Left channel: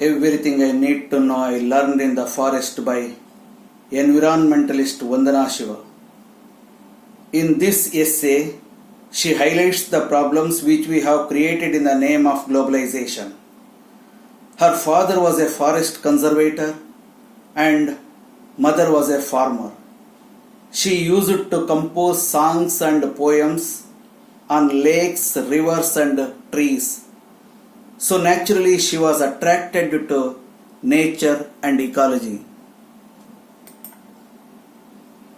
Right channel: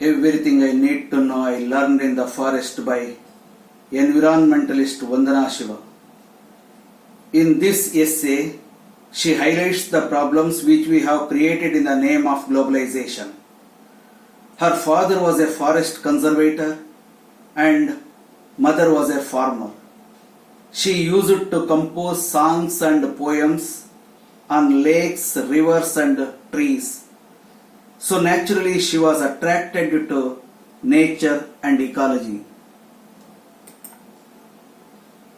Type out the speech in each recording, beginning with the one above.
Everything I need to know I learned in the forest by environmentalist Vandana Shiva. In this essay, she highlights the problems which we have created in the name of globalization. Her father was a forest conservator and mother was a farmer. She used to compose songs and poems on lakes, rivers and trees. So naturally she was attracted to nature and ecology.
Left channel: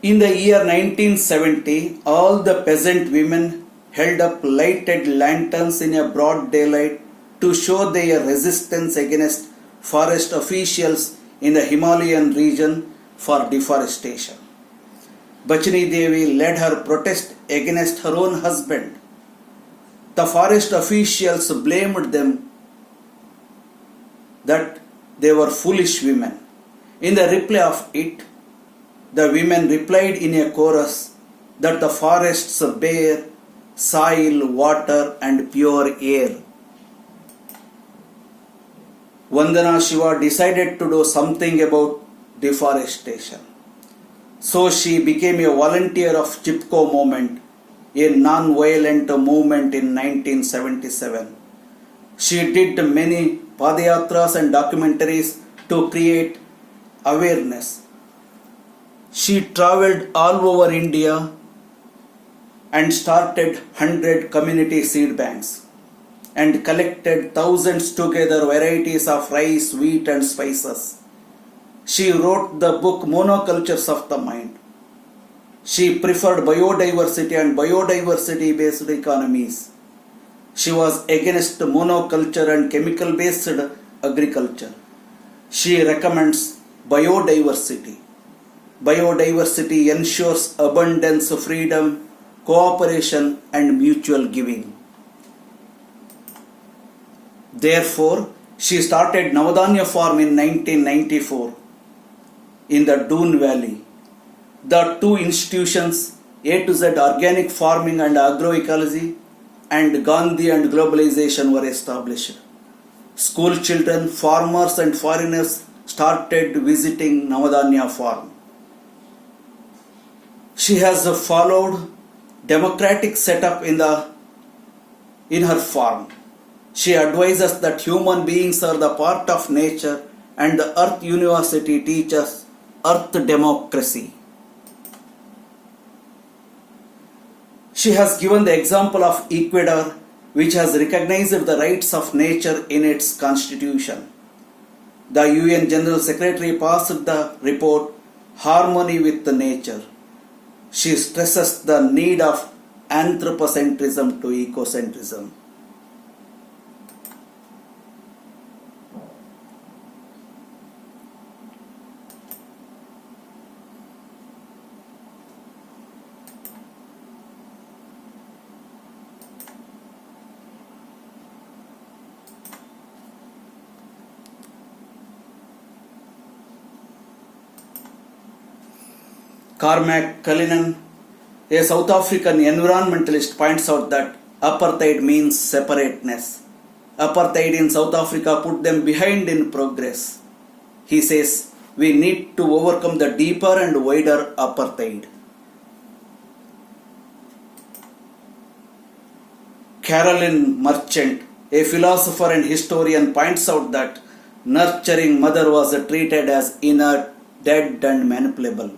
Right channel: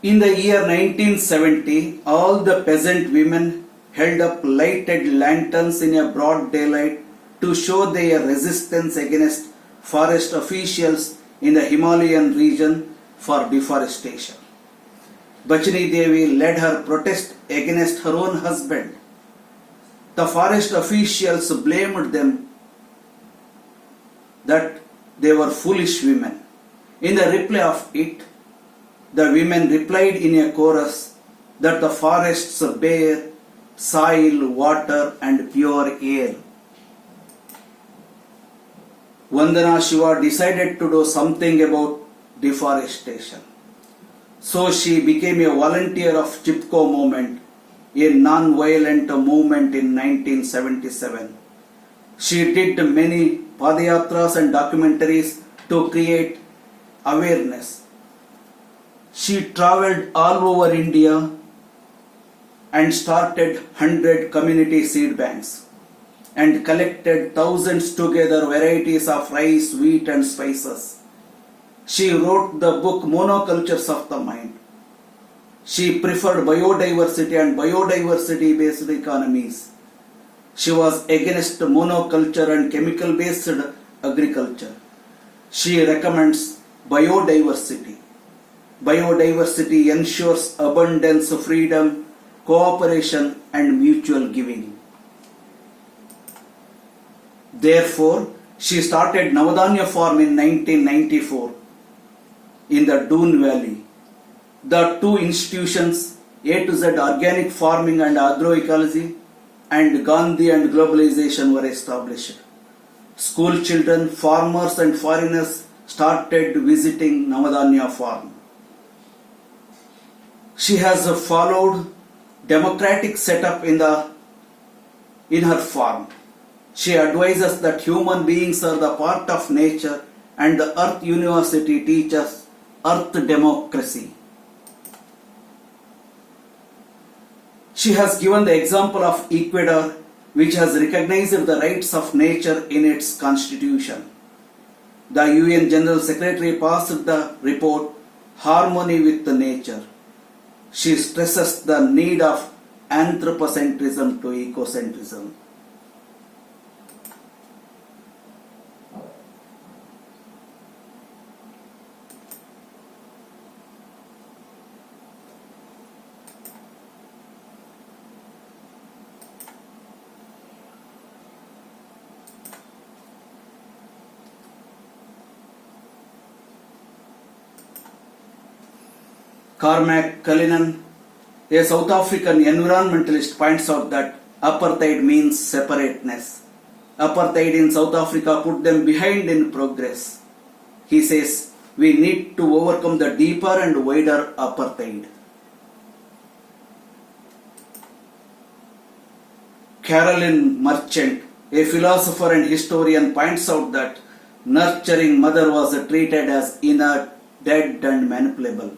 In the year 1970, all the peasant women held up lighted lanterns in a broad daylight to show their resistance against forest officials in the Himalayan region for deforestation. Bachani Devi led her protest against her own husband. The forest officials blamed them that they were foolish women. In the reply of it, the women replied in a chorus that the forests bear soil, water and pure air. Vandana Shiva decided to do something about deforestation. So she became a volunteer of Chipko movement, a non-violent movement in 1977. She did many padayatras and documentaries to create awareness. She travelled all over India and started 100 community seed banks and collected thousands together varieties of rice, wheat and spices. She wrote the book Monocultures of the Mind. She preferred biodiversity and biodiversity based economies. She was against monoculture and chemical based agriculture. She recommends biodiversity. Biodiversity ensures abundance, freedom, cooperation and mutual giving. Therefore, she started Navadanya Farm in 1994 in the Doon Valley. The two institutions, A to Z Organic Farming and Agroecology and Gandhi and Globalization were established. School children, farmers and foreigners started visiting Navadanya Farm. She has followed democratic setup in her farm. She advises that human beings are the part of nature and the Earth University teaches Earth democracy. She has given the example of Ecuador, which has recognized the rights of nature in its constitution. The UN General Secretary passed the report Harmony with Nature. She stresses the need of anthropocentrism to ecocentrism. Cormac Cullinan, a South African environmentalist, points out that apartheid means separateness. Apartheid in South Africa put them behind in progress. He says, we need to overcome the deeper and wider apartheid. Carolyn Merchant, a philosopher and historian, points out that nurturing mother was treated as inert, dead and manipulable.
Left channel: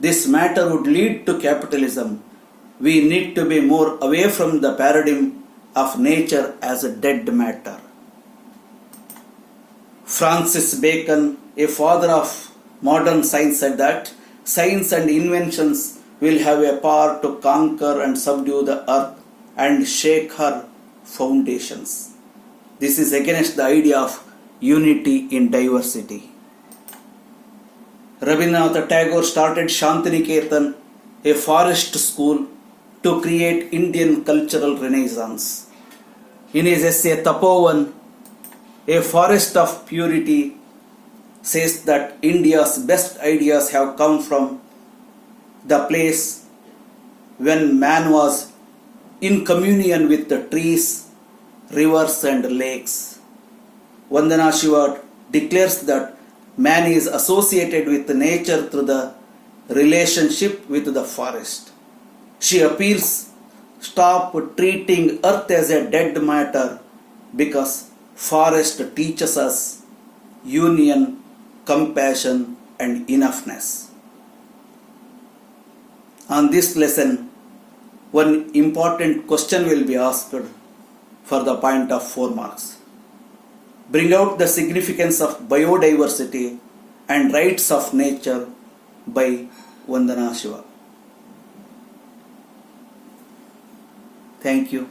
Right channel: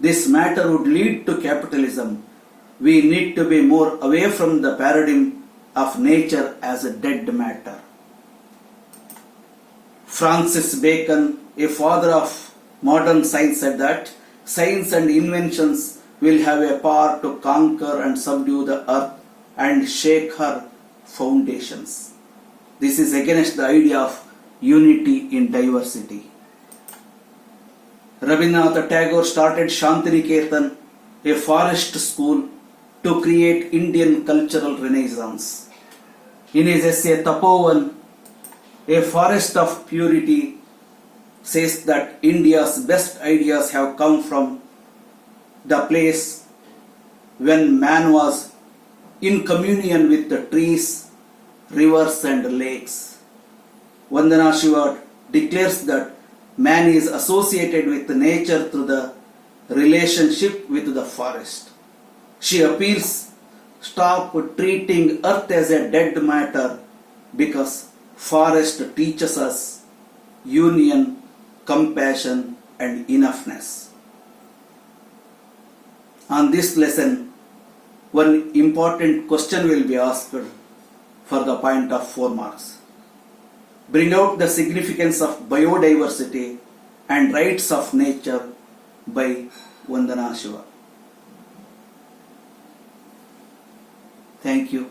This matter would lead to capitalism. We need to be more away from the paradigm of nature as a dead matter. Francis Bacon, a father of modern science, said that science and inventions will have a power to conquer and subdue the earth and shake her foundations. This is against the idea of unity in diversity. Rabindranath Tagore started Shantiniketan, a forest school, to create Indian cultural renaissance. In his essay Tapovan, a forest of purity, says that India's best ideas have come from the place when man was in communion with the trees, rivers and lakes. Vandana Shiva declares that man is associated with nature through the relationship with the forest. She appeals, stop treating earth as a dead matter because forest teaches us union, compassion and enoughness. On this lesson, one important question will be asked for the point of 4 marks. Bring out the significance of biodiversity and rights of nature by Vandana Shiva. Thank you.